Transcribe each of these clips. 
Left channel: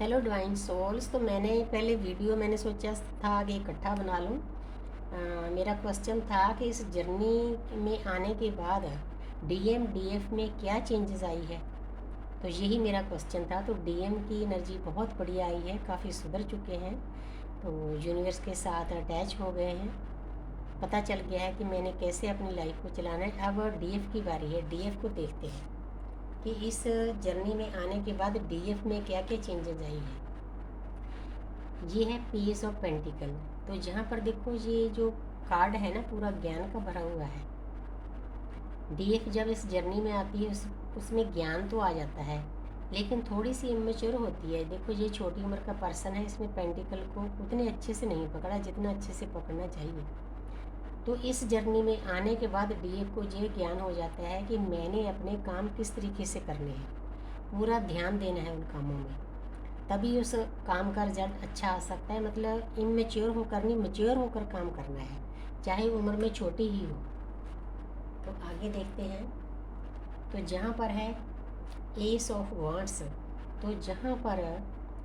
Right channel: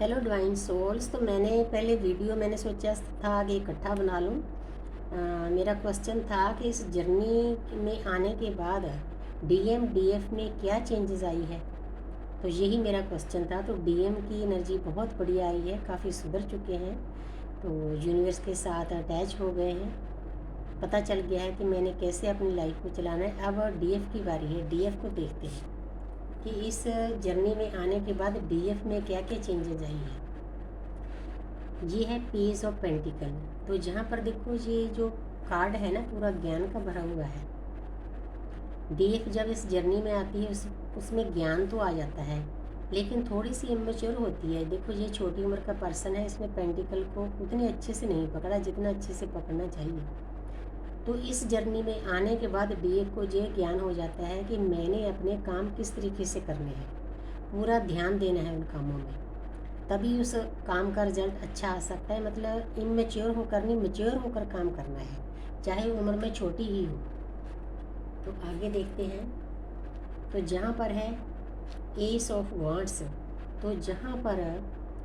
Hello divine souls. तो मैंने पहले वीडियो मैंने सोचा था कि इकट्ठा बना लूँ। मेरा क्वेश्चन था कि इस जर्नी में आने के बाद डीएम डीएफ में क्या चेंजेस आई है। तो यही मेरा क्वेश्चन था। तो डीएम की एनर्जी बहुत बढ़िया आई है, काफ़ी सुधर चुके हैं, तो यूनिवर्स के साथ अटैच हो गए हैं। पता चल गया है कि मैंने कैसे अपनी लाइफ को चलाना है। अब डीएफ की बारी है। डीएफ को देखते हैं कि इस जर्नी में आने के बाद डीएफ में क्या क्या चेंजेस आई है। ये है पेज ऑफ पेंटिकल। तो जहाँ पर देखो ये जो कार्ड है ना, पूरा ज्ञान का भरा हुआ है। डीएफ जब इस जर्नी में आती है उसमें ज्ञान तो आ जाता है, लेकिन थोड़ी सी इमेच्योर होती है। देखो ये छोटी उम्र का पर्सन है, इसने पेंटिकल को उतने अच्छे से नहीं पकड़ा जितना अच्छे से पकड़ना चाहिए। तो इस जर्नी में आने के बाद डीएफ को ये ज्ञान हो जाता है कि मैंने अपने काम किस तरीके से करने हैं, पूरा ध्यान देना है उन कामों में, तभी उस काम का रिजल्ट अच्छा आ सकता है। मतलब इमेच्योर होकर नहीं, मेच्योर होकर काम करना है, चाहे उम्र में छोटी ही हो। तो आगे देखते हैं। तो जहाँ पर है एस ऑफ वांड्स, तो जहाँ पर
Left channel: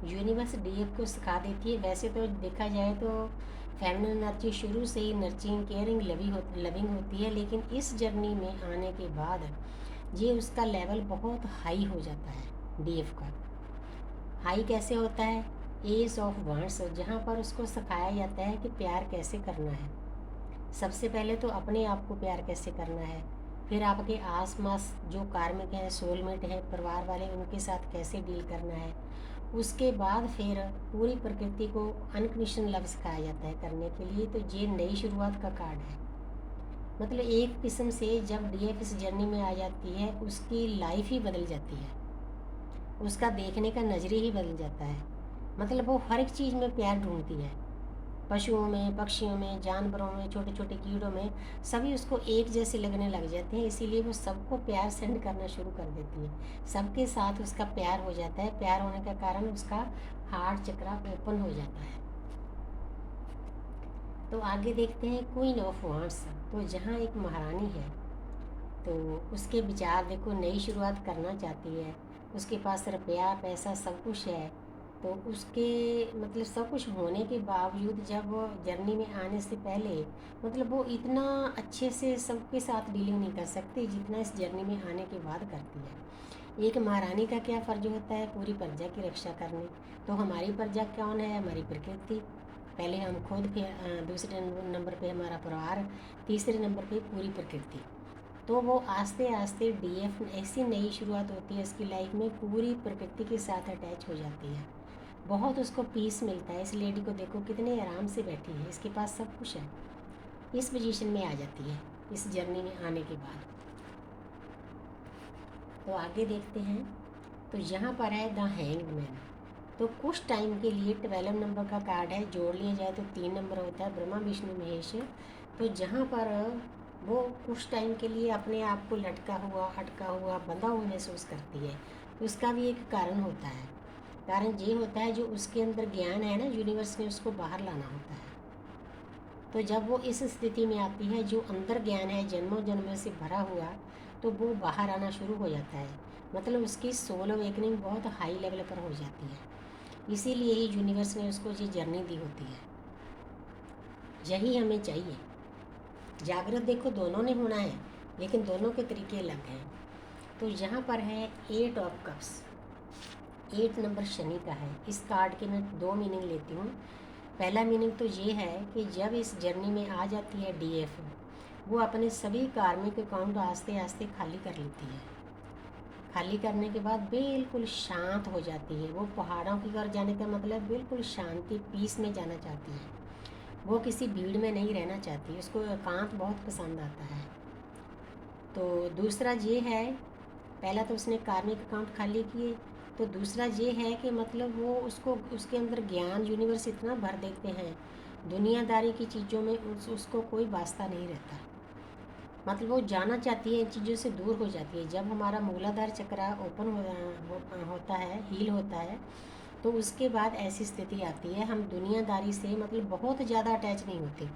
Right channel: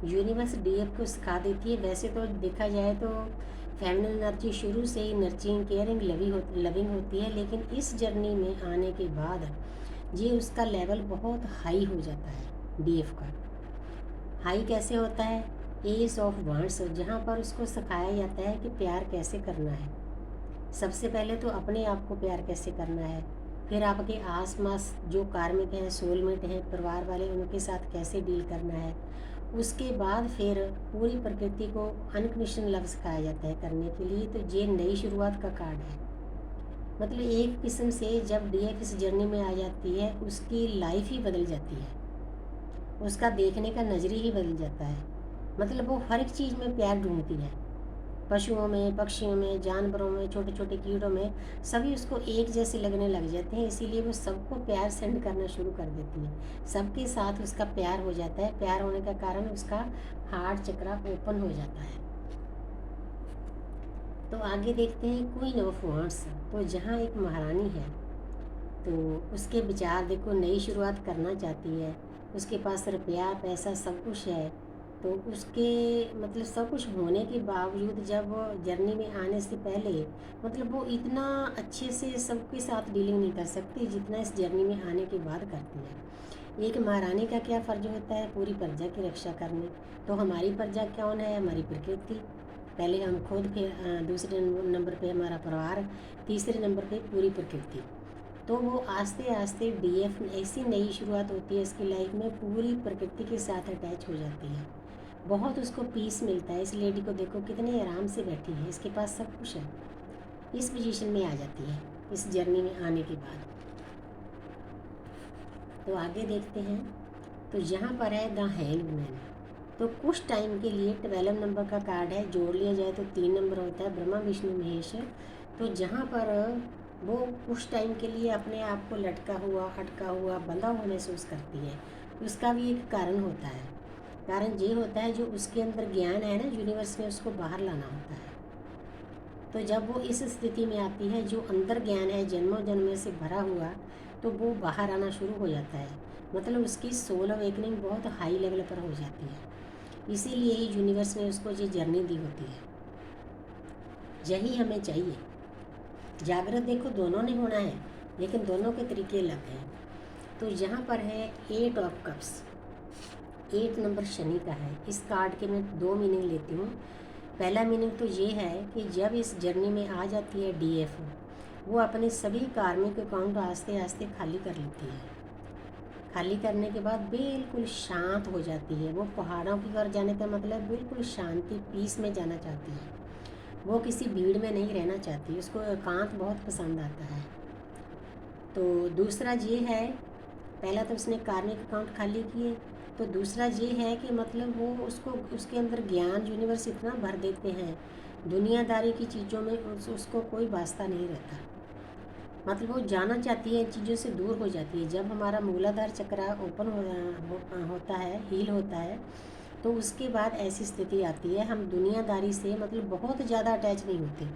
यूनिवर्स डीएफ को सिखा देती है। वैसे तो देखा जाए तो फेमिनिन एनर्जी शुरू से ही नर्चरिंग, केयरिंग, लविंग होती है, लेकिन इस जर्नी में आने के बाद ये उसका लेवल बहुत हाई हो जाता है। डीएफ का हाई कैसे होता है? एस ऑफ वांड्स, जहाँ पर उसको सिखाया जाता है कि प्यार कैसे करना है। सबसे पहले तो अपने आप को प्यार कैसे करना है, फिर आपके आस पास जो कार्मिक हैं, सोलमेट हैं, परिवार वाले, उनके साथ कैसे डील करना है। उसके बाद फिर पूरी प्रकृति को अनकंडीशनल लव सिखाया जाता है करने के लिए। तो ये नई शुरुआत का कार्ड है। मतलब एक किस्म से जब डीएफ इस जर्नी में आ जाती है, उसकी लाइफ ही बदल जाती है, उसका देखने का नज़रिया ही बदल जाता है। मतलब वो हर एक चीज़ में प्यार ढूंढती है, पशुओं में, पक्षियों में, जानवरों में, छोटे छोटे कीड़ों में, सभी उसको एक जैसे लगने लग जाते हैं। इसीलिए वो सबको प्यार सेंड करना शुरू कर देती है, सबके साथ उसका प्यार हो जाता है। प्यार होने का कारण उसका हार्ट चक्रा ओपन हो जाता है। तो आगे देखते हैं क्वीन ऑफ वांड्स। तो जहाँ एक महारानी है, तो उसके विचार देखो, नई शुरुआत करना चाहती है, उसके पास रुपया पैसा सब कुछ है। तो उसके मतलब सब कुछ होने के बावजूद जब वो जर्नी में आने से पहले, मतलब वो इतना अच्छे से सबके साथ डीलिंग नहीं कर सकती जितना इस जर्नी में आने के बाद करती है। एक महारानी का क्या फ़र्ज होता है? पूरी प्रजा की रक्षा करने। तो हमारी प्रजा कौन है? हमारी प्रकृति। पहले हम खुद, फिर दूसरे नंबर पे हमारा परिवार, तीसरे नंबर पे पूरी प्रकृति। तो वो आस्ते आस्ते डीएफ ऐसी नई शुरुआत होती है इसकी लाइफ में, पूरी प्रकृति के साथ अटैच हो जाती है। बहुत उसको पीस मिलता है। इस लेडी को देखो कितने आराम से बैठी है, इसके पास सब कुछ है। इस पोजीशन में आ जाती है इस जर्नी में आने के बाद। तो आगे देखते हैं। तो यहाँ पर है द हैंग्ड मैन। तो कुछ टाइम के लिए 12 नंबर का कार्ड है, जोड़ लिया जाए तो 3 नंबर होता है, ब्रह्मा विष्णु महेश। तो जहाँ पर वो कुछ टाइम के लिए अपने आप को लटका हुआ, हटका हुआ, बंधा हुआ महसूस करती है। उसका भी एक कारण होता है। कारण ये होता है जो उसके अंदर ज्ञान है ना, यूनिवर्स ने उसको बाहर लाना होता है। तो जब वो इस स्थिति में आती है, जो अंदर ज्ञान है जन्मों जन्मों से भरा हुआ, तो वो बाहर आना शुरू हो जाता है। मतलब उसकी सोल अवेकनिंग बहुत हाई लेवल पर हो जाती है। इसीलिए ही यूनिवर्स ने उसको ये जर्नी दी होती है। यही हमें चाहिए। जागृत देखो दोनों ने होना है, लेकिन दोनों के तरीके अलग हैं। तो यहाँ पर है 8 ऑफ कप्स। 8 नंबर शनि का है। इस कार्ड के मैं 2 मीनिंग लेती हूँ। पहला मीनिंग तो ये है कि जब इस जर्नी में आ जाती है डीएफ, वो अपने सभी कार्मिक अकाउंट आस्ते आस्ते खाली कर लेती है। खाली करने के बाद बिल्कुल शांत हो जाती है। वो पहाड़ों की ओर जाने का मतलब बिल्कुल शांति, पीस में जाना चाहती है। वो किसी भीड़ में नहीं रहना चाहती, उसको एकांत बहुत पसंद आता है। तो दूसरा ये है, पहला तो उसने कार्मिक अकाउंट खाली किए, तो दूसरा ये है कि मतलब वो उसको उसके अंदर ज्ञान यूनिवर्स इतना भर देते हैं, दुनियादारी की चीज़ों में उसको कोई वास्ता नहीं रहता। मतलब वो जाना चाहती है, इन चीज़ों से दूर हो जाती है। जब हमारा मूलाधार चक्र ओपन होता है, हील होता है, तो उसके बाद ऐसी स्थिति आती है, हम दुनियादारी से मतलब बहुत ज़्यादा अटैच नहीं होते।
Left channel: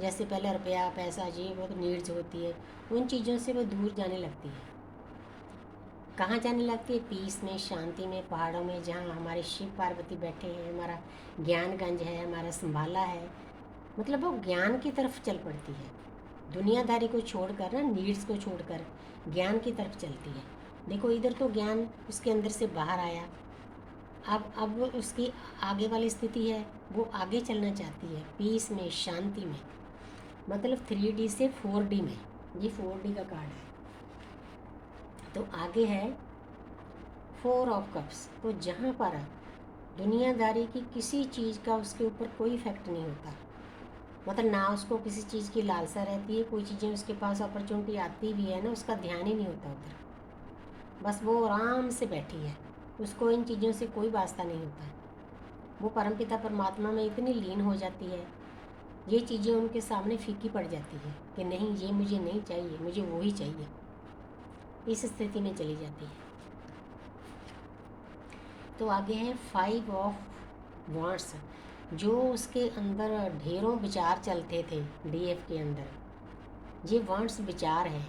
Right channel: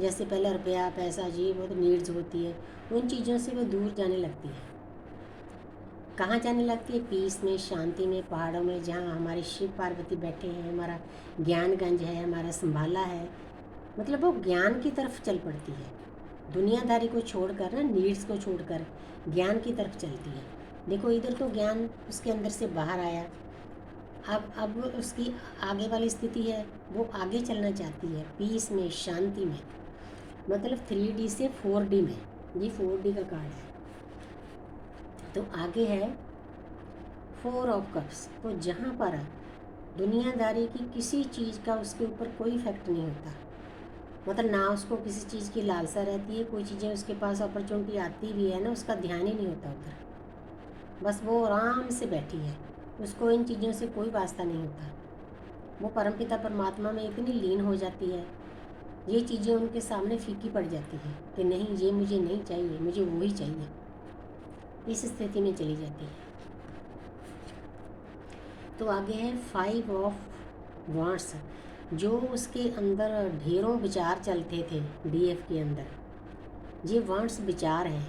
जैसे पहले रुपया पैसा, ये बहुत नीड्स होती है, उन चीज़ों से वो दूर जाने लगती है। कहाँ जाने लगती है? पीस में, शांति में, पहाड़ों में, जहाँ हमारे शिव पार्वती बैठे हैं, हमारा ज्ञानगंज है, हमारा संभाला है। मतलब वो ज्ञान की तरफ चल पड़ती है, दुनियादारी को छोड़कर ना, नीड्स को छोड़कर ज्ञान की तरफ चलती है। देखो इधर तो ज्ञान उसके अंदर से बाहर आया, अब उसकी आगे वाली स्थिति है, वो आगे चलना चाहती है पीस में, शांति में, मतलब 3D से 4D में। ये 4D का कार्ड है। तो आगे है 4 ऑफ कप्स। तो जहाँ पर दुनियादारी की किसी चीज़ का उसके ऊपर कोई इफेक्ट नहीं होता, मतलब ना उसको किसी चीज़ की लालसा रहती है, कोई चीज़ें उसके पास अपॉर्चुनिटी आती भी है ना, उसका ध्यान ही नहीं होता उधर, बस वो आराम से बैठी है, उसको इन चीज़ों से कोई वास्ता नहीं होता है। वो परमपिता परमात्मा में इतनी लीन हो जाती है, ये चीज़ें उनके सामने फीकी पड़ जाती है कि नहीं ये मुझे नहीं चाहिए, मुझे वो ही चाहिए, इस स्थिति में चली जाती है। तो आगे है 5 ऑफ वांट्स। जो उसके अंदर ढेरों विचार चलते थे डीएफ के अंदर, ये वांट्स विचार हैं,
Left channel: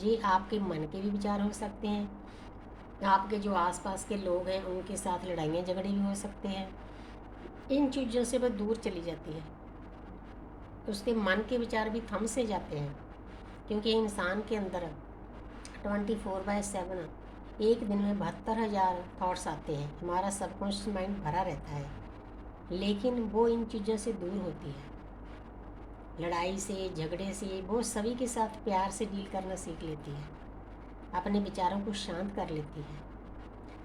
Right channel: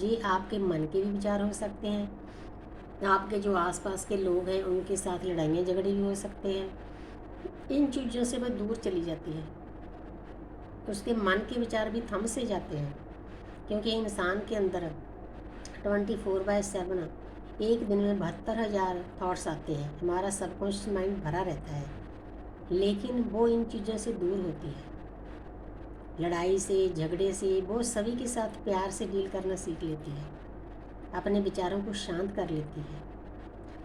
ये आपके मन के भी विचार हो सकते हैं, आपके जो आसपास के लोग हैं उनके साथ लड़ाइयाँ झगड़े भी हो सकते हैं। इन चीज़ों से वह दूर चली जाती है, उसके मन के विचार भी थम से जाते हैं, क्योंकि इंसान के अंदर 24/7 एक दिन में 72,000 थॉट्स आते हैं। हमारा सबकॉन्शियस माइंड भरा रहता है, लेकिन वो इन चीज़ों से दूर होती है, लड़ाई से, झगड़े से। वो सभी के साथ प्यार से डील करना सीख लेती है, अपने विचारों को शांत कर लेती है।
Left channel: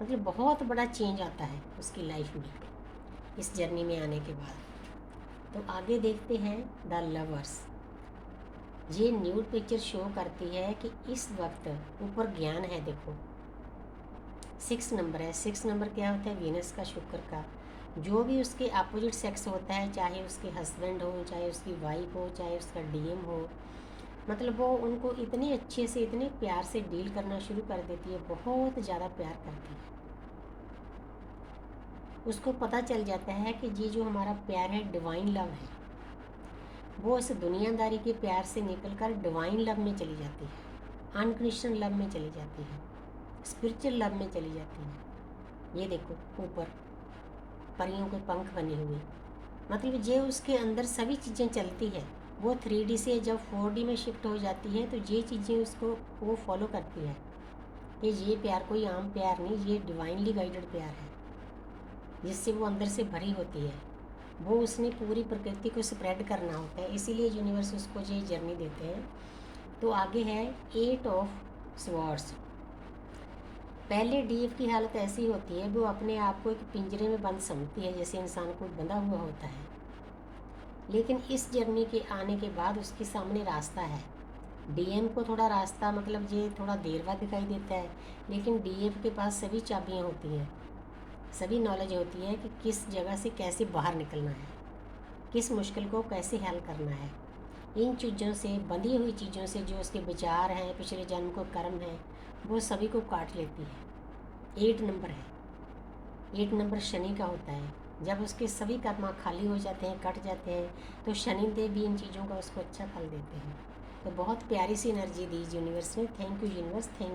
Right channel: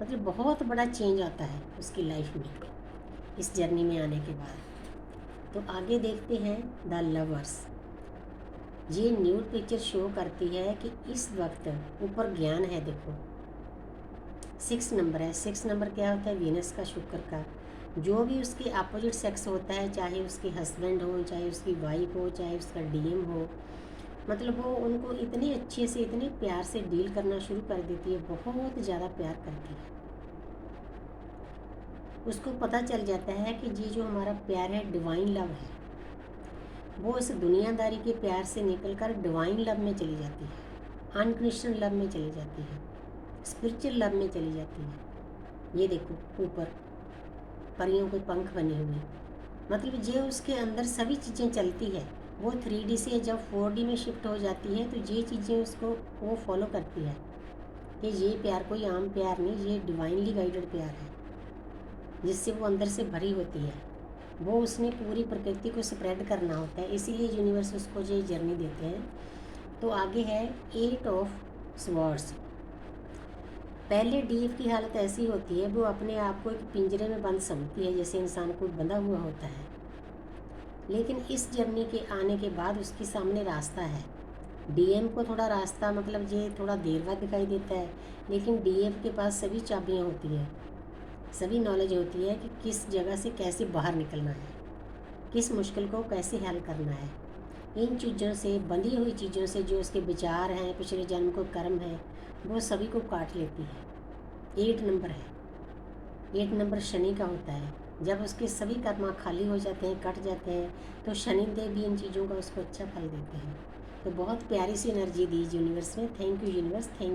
मतलब बहुत बड़ा चेंज आता है उसकी लाइफ में इस जर्नी में आने के बाद। तो आगे देखते हैं द लवर्स। ये न्यूड पिक्चर शो करती है कि इस वक्त ऊपर ज्ञान है। देखो 6 नंबर है। 6 नंबर क्या होता है? वीनस का, शुक्र का। जो भी उसके अपोजिट सेक्स होता है, चाहे उसके हस्बैंड हो, चाहे उसकी वाइफ हो, चाहे उसका डीएम हो, मतलब वो उनको इतने अच्छे से, इतने प्यार से डील करना शुरू कर देती है, बहुत ज़्यादा प्यार करती है। उसको पता चल जाता है कि ये जो हमारा प्यार है डिवाइन लव है। वो उस दुनियादारी के प्यार से निकलकर डिवाइन लव में चली जाती है, अनकंडीशनल लव में चली जाती है, स्पिरिचुअल लव में चली जाती है। ये देखो ऊपर परियों के पंख बने हुए, मतलब ये उसके अंदर सभी चीज़ें चलती है। वो 3D से जब 4D में शिफ्ट हो जाती है तो ये चीज़ें उसको वो फॉलो करती है कि ये प्यार कोई आम प्यार नहीं, ये डिवाइनली गाइडेड प्यार है, जिससे वो अंदर से भरी होती है। वो उसने पूरी प्रकृति को स्प्रेड करना होता है, इसीलिए यूनिवर्स उसको ये जर्नी देते हैं। तो आगे है 8 ऑफ स्वॉर्ड्स। पहले डीफ की हालत ऐसी होती है, वो अपने आप को एक पिंजरे में बंद समझती है, जैसे इंसान को बंधा हुआ होता है। लेकिन इस जर्नी के आने के बाद उसके सामने रास्ता है। डीएम को थोड़ा रास्ता, मतलब ये थोड़ा देर बाद दिखाई देता है, लेकिन डीएफ के पास सभी चाबियाँ होती हैं, सभी नॉलेज होती है कि किस जगह से कैसे बाहर निकलना है, किस मुश्किल को कैसे हल करना है। इन चीज़ों से, बंधी हुई चीज़ों से, जो उसके विचार हैं, पिछले जन्म को कर्म है, वो सभी को काट लेती है। 8 नंबर है। 8 नंबर शनि का होता है। जब उसके सभी कर्म खाली हो जाते हैं, कट जाते हैं, तो शनिदेव भी इन चीज़ों का उसको अच्छा फल देते हैं। तो बहुत प्यारी सी एनर्जी दी यूनिवर्स ने। Thank you universe, thank